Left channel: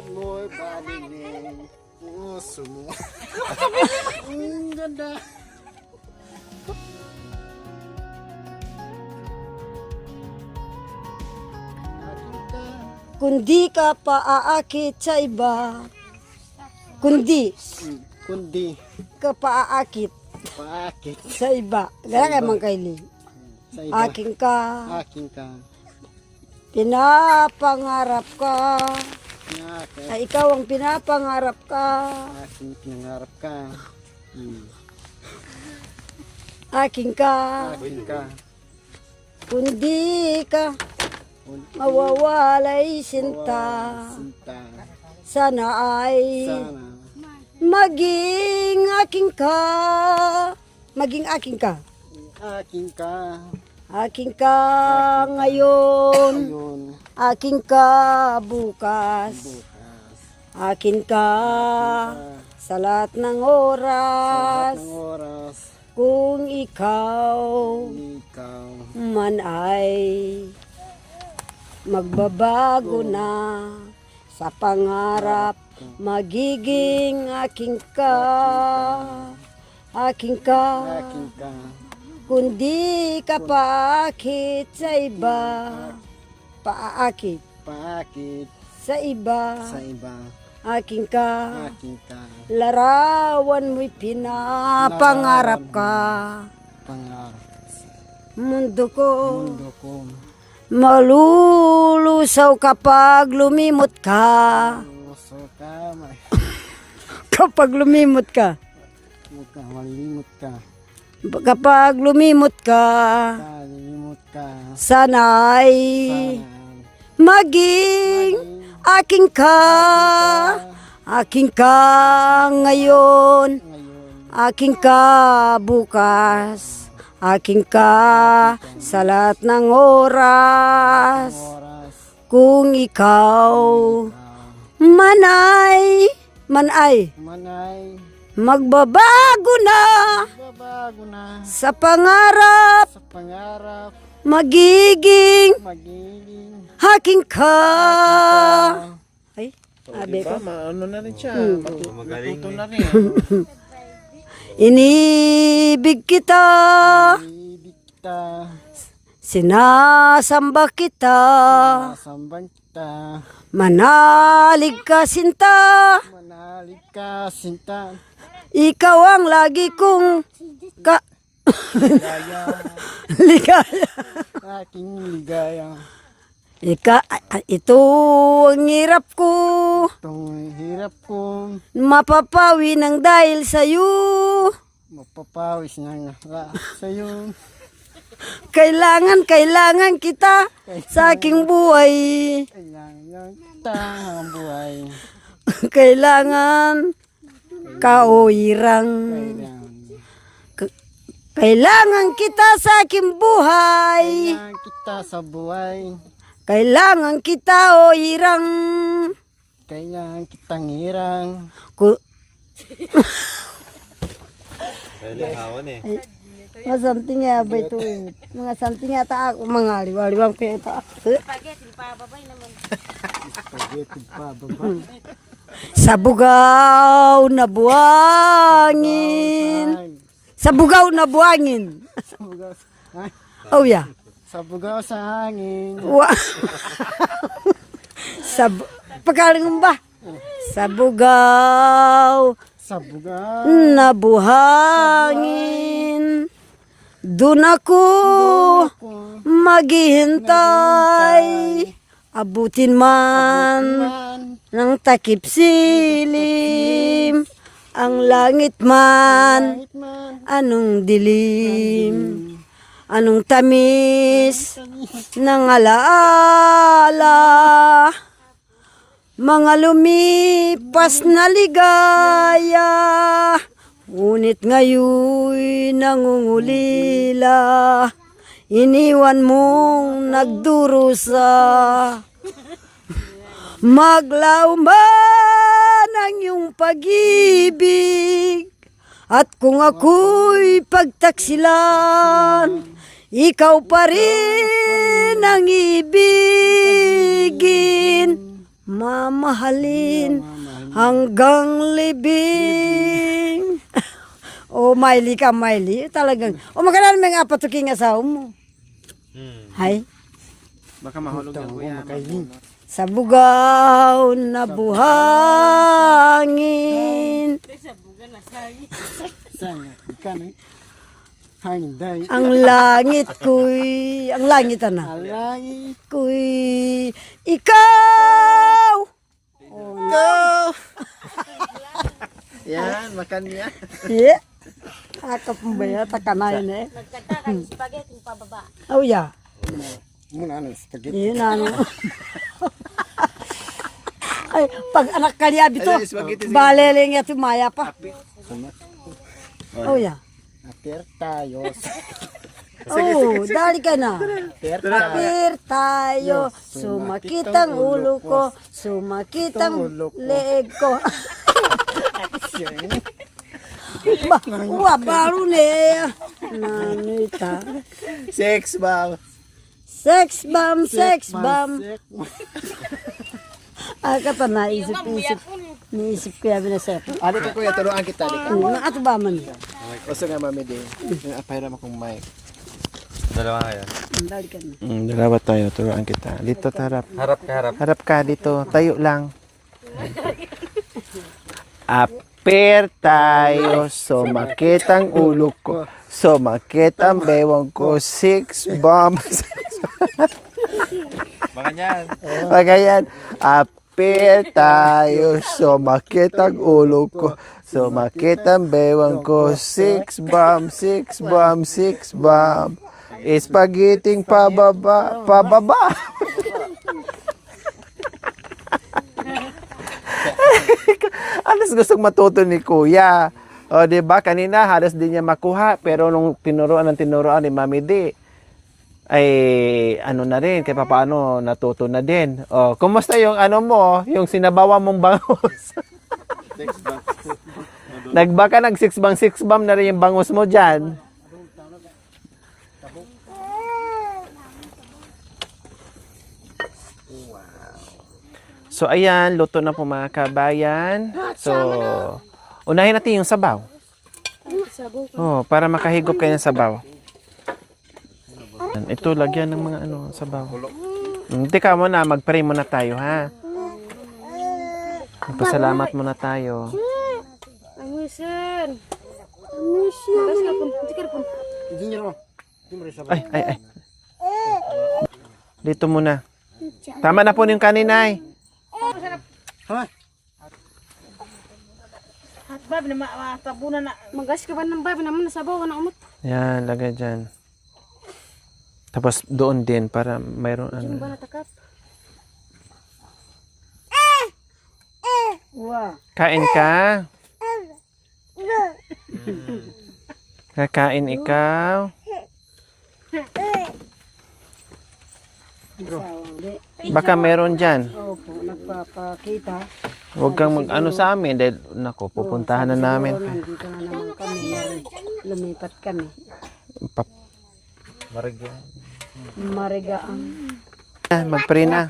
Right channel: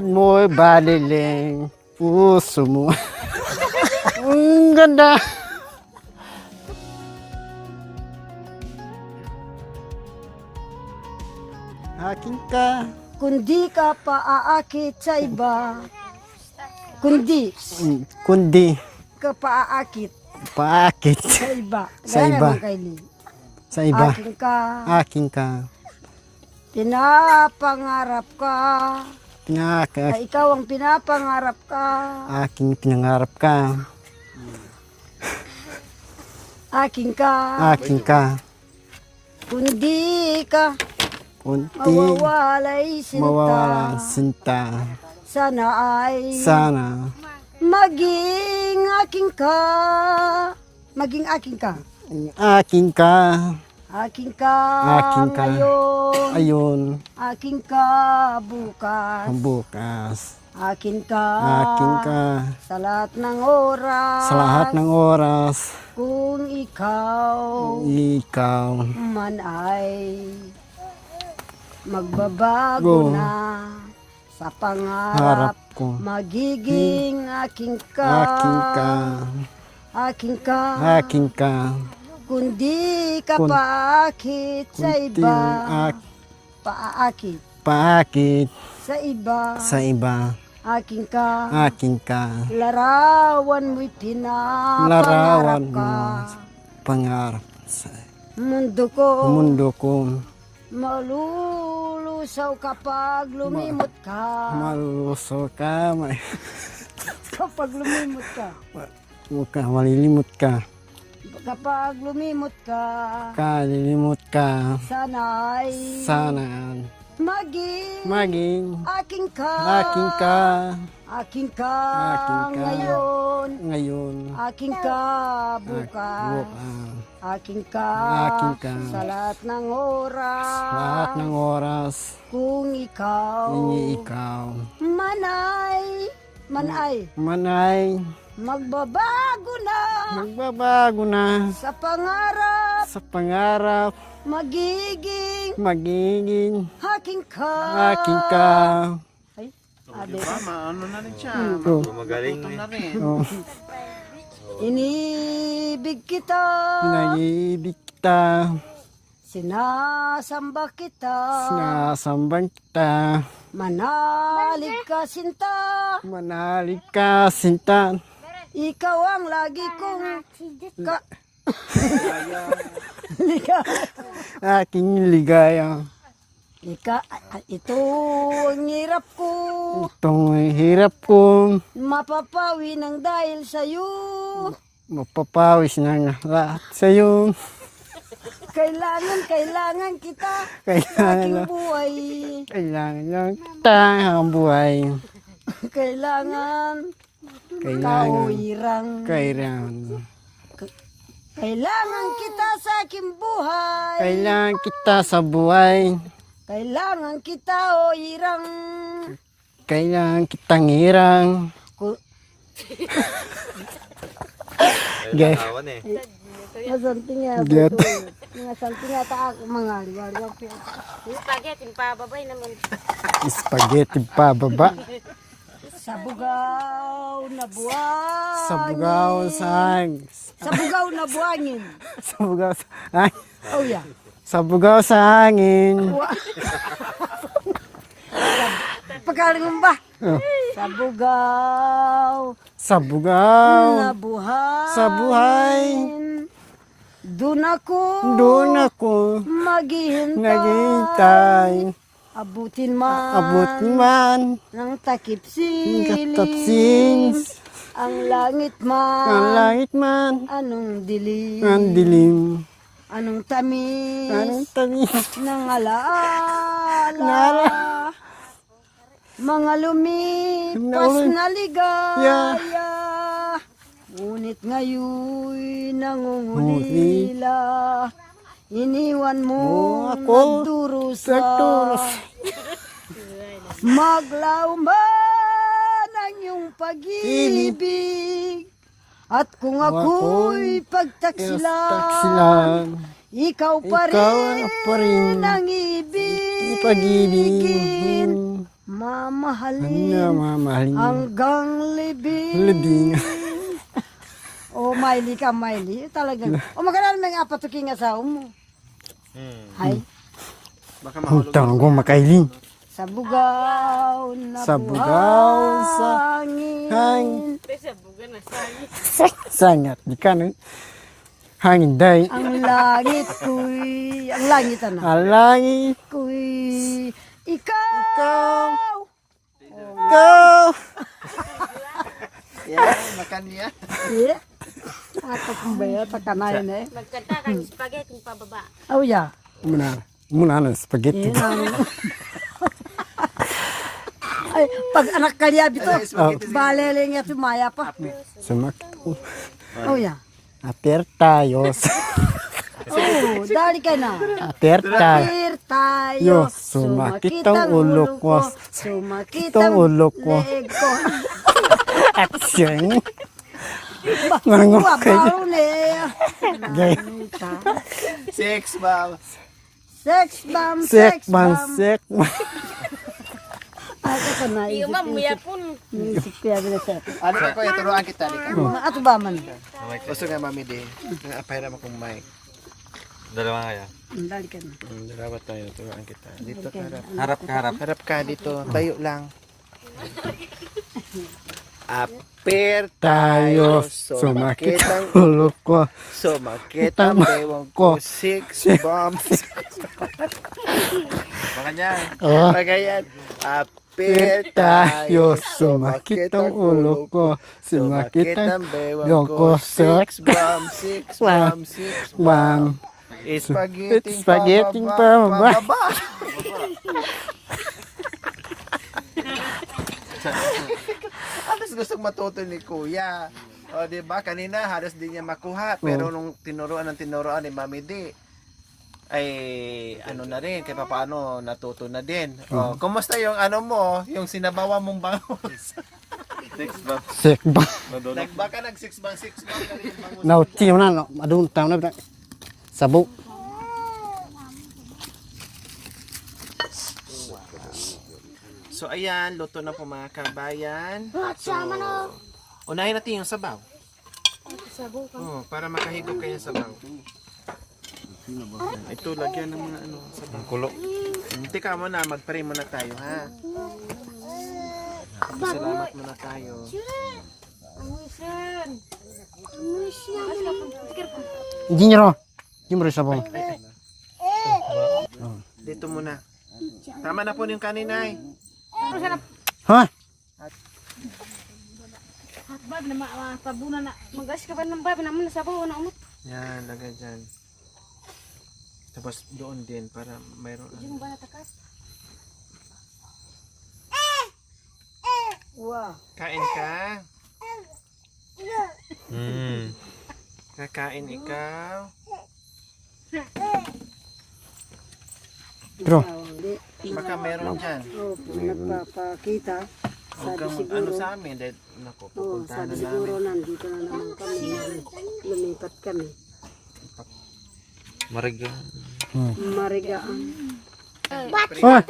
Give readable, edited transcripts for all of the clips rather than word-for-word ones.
Bakit mo'y baliling puso mo? Ang ganda. Akin ka. Kundi ka paaakit sa iba. Kundi Kundi. ka paaakit Paakit. sa iba. Sa Gaya iba. naman kay Lee. Sa iba. Akin ka, Akin ka. pinapangarap ka. Pinaka. Ay, ikaw ang pinapangarap ka. Aking pinangarap ka. Akin ka, Akin ka. kundi ka Kunti. mawawalay sinta. Mawawala sinta. Sana ay Sana. maging aking ka. Maging aking ka. Akin ka. Aking ka Aking ka. ngayon. Ayun. Aking ka bukas. Ang bukas. Akin ka. Akin ka. Sa lahat ng oras. Sa lahat ng oras. Kung ikaw Ikaw. man ay magbabago Go. na sa pangarap. Harap ko. Magiging aking ka. Akin ka. Aking ka. Akin ka. Kundi ka Kun- paakit sa Kunti iba. ak- Paakit Paakit sa iba. sa iba. Aking ka. Akin ka. Larawan mo'y pinapangarap Larawan ka. Pangarap sa Mundo ko. mundo ko. Malulusaw kapag lumimot ka. Maluso ka. Kapag lumimot ka. Mukha malilimot ka. Kapag lumimot ka. Kalilimot ka. Sana'y Sana. maging Maging. aking ka. Akin ka. Aking ka ngayon. Ngayon. Aking ka bukas. Aking ka Aking ka. sa lahat ng Lahat oras. ng oras. Kung ikaw Ikaw. manay Manay. magbabago na Magbabago na. sa pangarap. Sa pangarap. Magiging Magiging. aking ka. Akin ka. Ay, abe ko. Ano na rin siya. Hmm. Magaling na rin. Inibig kita. Nalibig kita. Sinasamba kita. Nasambang kita. Manalig ka sinta. Manalig ka, sinta. Ikaw ang lagi kong ligaya. Aking ligaya. Ito ang hirap ko. Itong hirap ko. Mapapawi ng dahil sa'yo. Mapapawis na nga sa'yo. Kailangan kita sa aking buhay. Kailangan lang kita ang buhay. Kailangan kaoirang. Kailangan kita sa aking buhay. Kailangan kita sa buhay. Kailangan kita o irang. Kailangan kitang hirang. Guys. Mga something nga Get. Mga something nga ta ako mga liwaliwang ko ito. Spaghetti pa baba. Sa bugaw na buhangin. Sa bugaw na buhangin. Sa bugaw sa ay, Oh yeah. sa bugaw sa hangin. Pagkaling ba? Oh. Sa bugaw Sa bugaw. na buhangin. Sa buhay. Doon ako maghihintay. Naghihintay. Abutin man, Abot man. ng takip silim. Katapsis. Ang langit Ang man, langit man. anong dilim. Ang dilim. Anong tamis Ang tamis. ng alaala. Mga lumipas na ligaya. Ngunit ngayon nangungulila. Iniwan mong nagdurusa. Maglaw man ang iyong pag-ibig. At kung ako'y pagtaksilan, ikaw pa rin ang ibigin. mamahalin Mamahalin. hanggang libing. O, Miley ka, Miley. Talagang. O, magkano may nga patuking asawa mo? Hay. Baka mahulog. Hutang ko makailing. Sa bugaw na Sa bugaw buhangin. Sangat di ka no. Hangin day. Ang langit ko'y, ang langit na. Alangit Ko'y, ikaw! ko. Yan, makan niya. Yeah. Ako kung ba yan, takanayan eh. Magkanta ka yung spaghetti yung pababa. Oh, yeah. Muna ng spaghetti. Yun ang... Ay, pag anak ka niya dito, balele niya tumaya pa. Sumak. Oh, yeah. Ater tayo. Oh, dali ka na. Ater tayo. Kapir tayo, Yo, sumakit ang ulo ko. sumakit Itong ang ulo ko. leeg ko. Action. Baro niya. Nanita. Sex bang? Sex bomb, Sek sex bomb. sek. Ah, kata na, Yung isip, mamuya po. isip ko yan na sir. Ano ka kuya, turuan kita. Ano ato ba man? Gusto nga mami din. Apay naman kong mic. Dalawa kayo. Dali ka na. Dalawa tayo, turuan kita. Dito tarap. Harap ka, harap. Harap ka dito. Tayo lang. Aper tayo. Sumakit ang ulo ko. Sumakit ang bewang ko. Six bombs. Mga niyan. Pagayan. Aper tayo. Sumakit ang ulo ko. Sumakit ang bewang ko. Six bomb. Six bomb. Six bomb. Spaghetti pababa. Pababa. Alas gustong matuto ni Kuya. O, di ba? Kanina, halos din niya makuha. Pero nung tinuruan ni Mami D, ay ano na rin, kahit paano natuto na din. O, kumusta yung ano mo, yung sinabawa mong bangus? Six bang. Nagbaka nag six bang na rin yung bangus mo dyan. Adun taon na. Sabo. So, ayan, luto na po mga kabayan. So, unahin natin yung sabaw. Oh, para makahigop kayo ng sabaw. Ito, lagyan ng mga sabaw. Teka muna, mag-pray muna tayo, ha? Pasalamat muna tayo. Angisan. Hindi niyo ro. Hindi mo rin sabo. Ay. Dito muna. Tama na po yung kaninay. Ha? Bab na matabunan na. Magas ka ba ng bab naman nasabaw na umot. Yan, lagay dyan. Tapos doon din para mayroon Yung ba natakap? Wow. Kain ka? Kakain ikaw? Bro. Baka meron dyan. Oh, nagpapakita. Huwag kang mag-ano sa amin dahil, nako, pupuntahan na namin. Nandito na naman kami. Lumipat kami. Marigyan. Marigaan. Mag-pray na.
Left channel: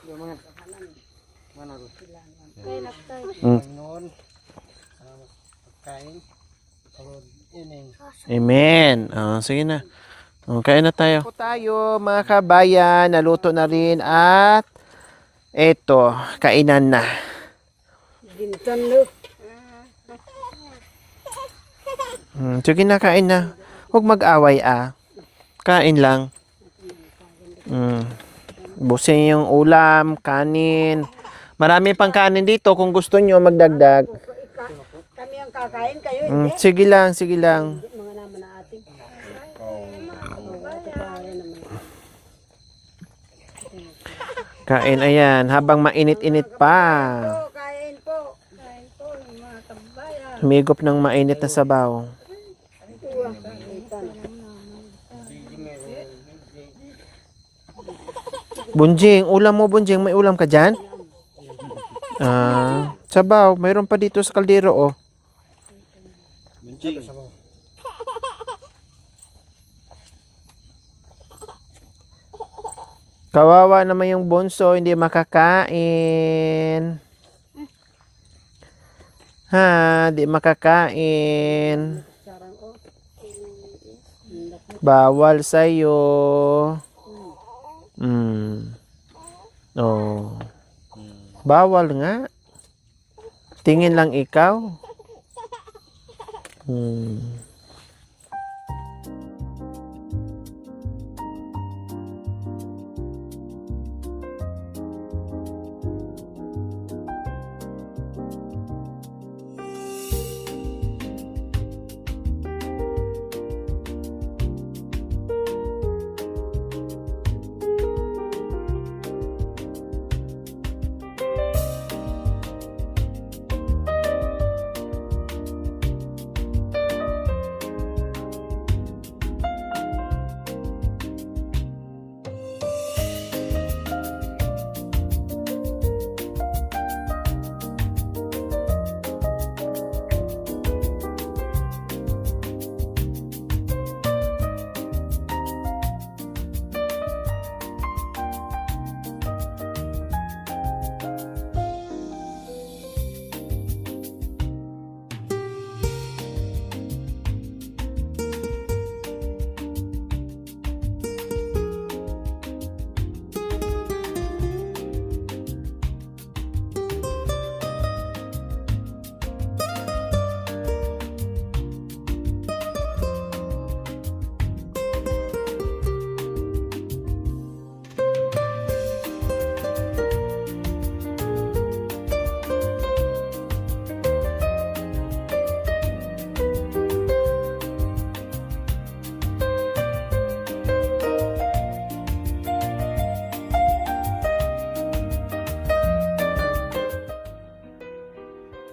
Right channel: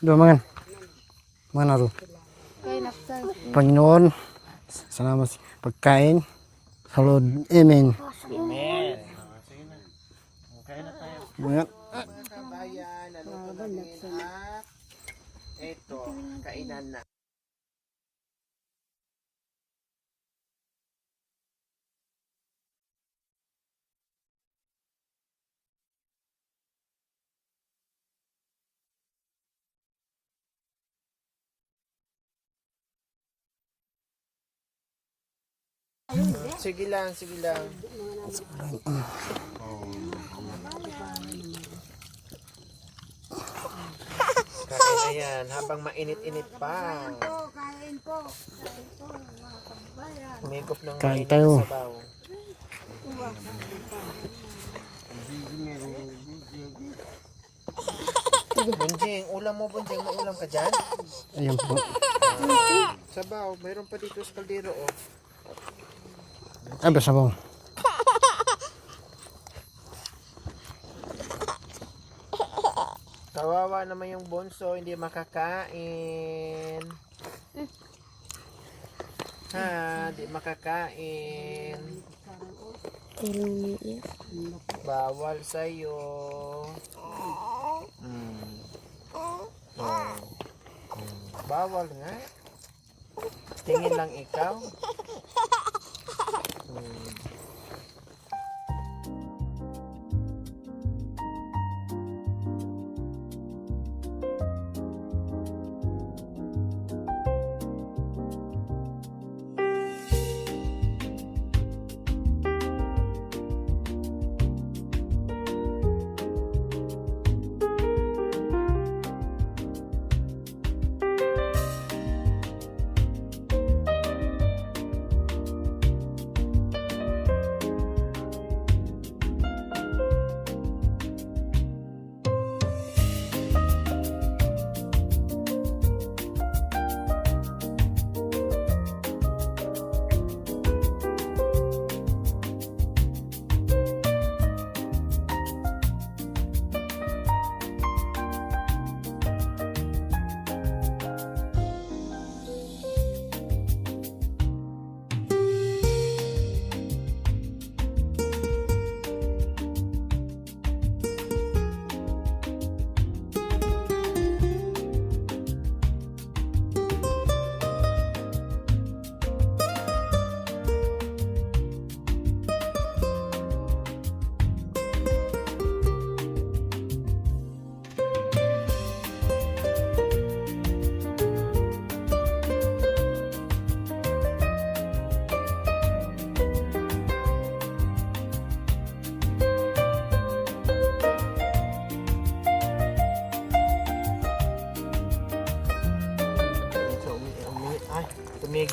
Do mangan. Mana ro. Panginoon, salamat sa pagkain. Salud. Amen. Amen. Sige na. Kain na tayo. Tayo mga kabayan, naluto na rin at eto, kainan na. Gintan lo. Sige na, kain na. Huwag mag-away Kain lang. Busin yung ulam, kanin. Marami pang kanin dito kung gusto nyo magdagdag. Kami ang kakain kayo. Sige lang, sige lang. Kain, ayan, habang mainit-init pa. Kain po. Humigop ng mainit na sabaw. Bunjing, ulam mo Bunjing, may ulam ka dyan? Ayan po. Sabaw, mayroon pa dito sa kaldero, oh. Abe sabo. Kawawa naman yung bunso, hindi makakain. Ha, di makakain. Bawal sa'yo. Oh. Bawal nga. Tingin lang ikaw.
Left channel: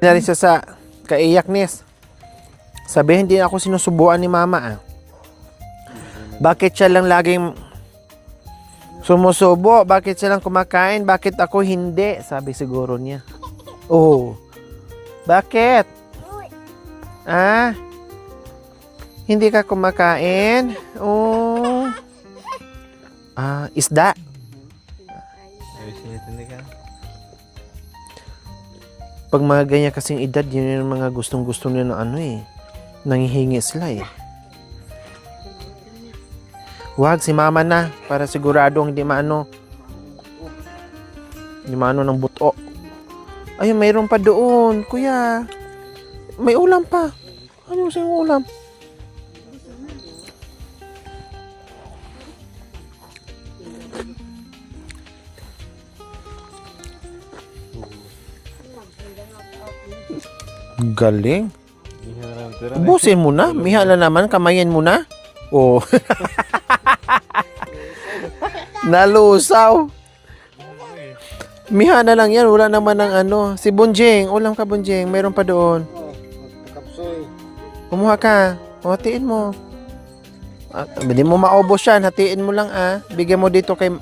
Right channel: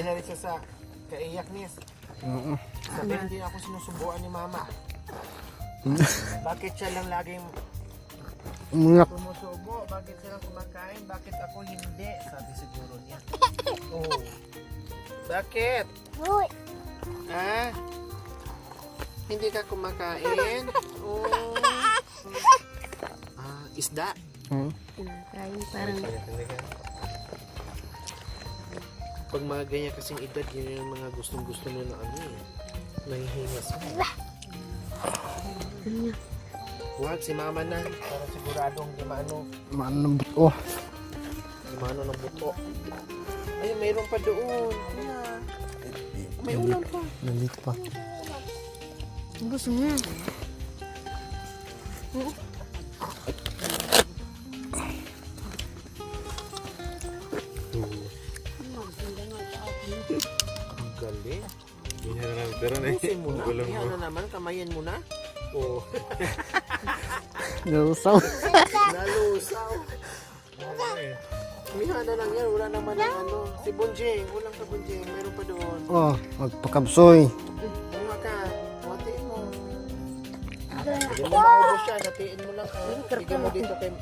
Na rin siya sa kaiyaknis. Sabihin din ako sinusubuan ni mama. Bakit siya lang laging sumusubo? Bakit siya lang kumakain? Bakit ako hindi? Sabi siguro niya. Oh. Bakit? Ah? Hindi ka kumakain? Oh. Ah, isda. Pag mga ganyan kasing edad, yun yung mga gustong-gusto nila ng ano eh. Nangihingi sila eh. Wag, si mama na. Para siguradong hindi maano. Maano ng buto. Hindi maano ng buto. Ay, mayroon pa doon, kuya. May ulam pa. Ano siyang ulam? Gusto niya. Galing. Ubusin mo na. Mihala naman. Kamayin mo na. Oh. Nalusaw. Nalusaw. Miha na lang yan. Wala naman ng ano. Si Bunjing. Ulam ka, Bunjing. Meron pa doon. Oh, magpakabsoy. Kumuha ka. O, hatiin mo. Hindi mo maubos yan. Hatiin mo lang ah. Bigyan mo dito kay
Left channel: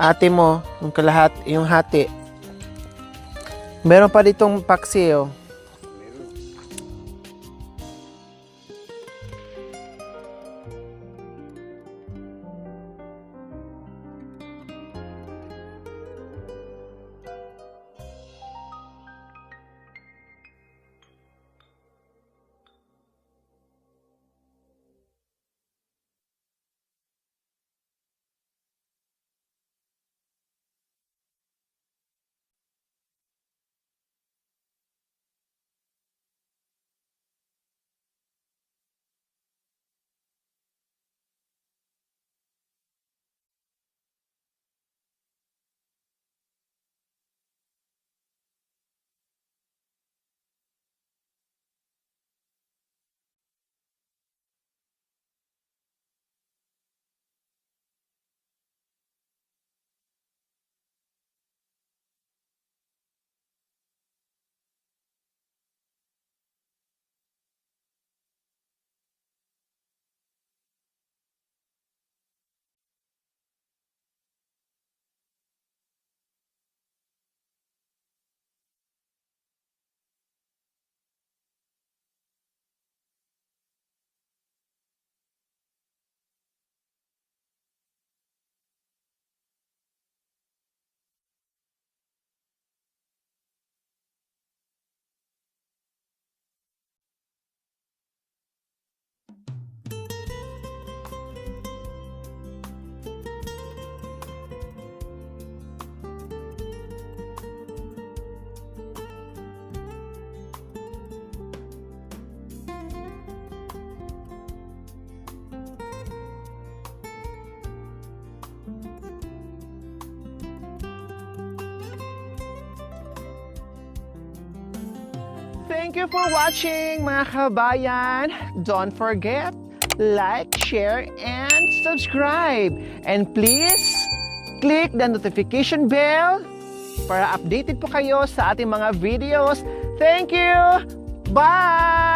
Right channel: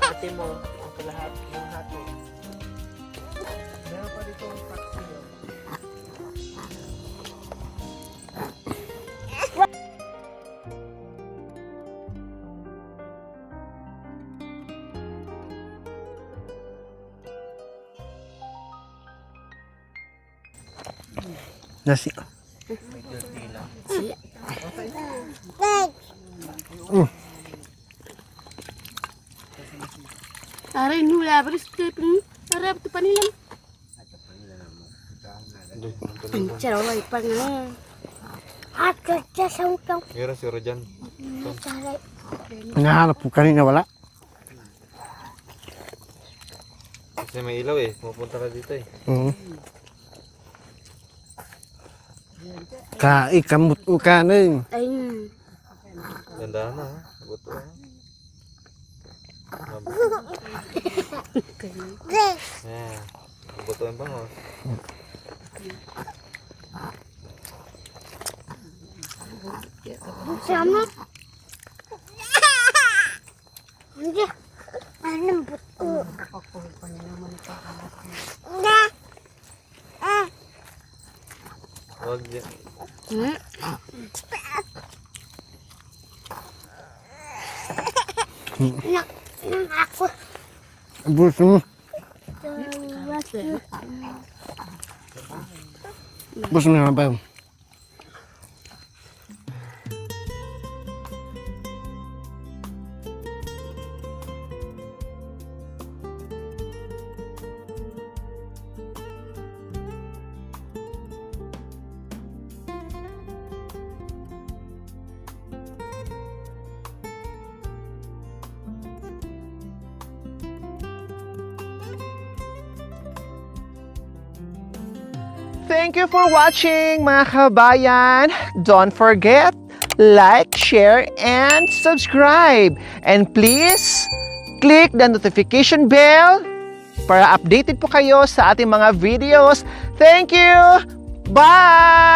ate mo. Yung kalahat. Yung hati. Meron pa ditong paksi oh. Nasi. Aray, nula, baris taping. Aray, ito pa nilang. Cara wala ipang na. At kerja sa utang. Kira si Rojan. Nahanap po kanina wala. Kasi may ilaw eh. Pupunta ka dito eh. Kamot mo kanin. Ayun. Ganda na ha. Buto ha. Yeah. Buto yung bangos. Sama. Hindi. Anong buto? Huwag yan. Buso mo. Buso mo na ba? Thank you for watching, mga kabayan. Don't forget, like, share, and subscribe. And please, click the notification bell para updated po kayo sa ating mga videos. Thank you! Bye!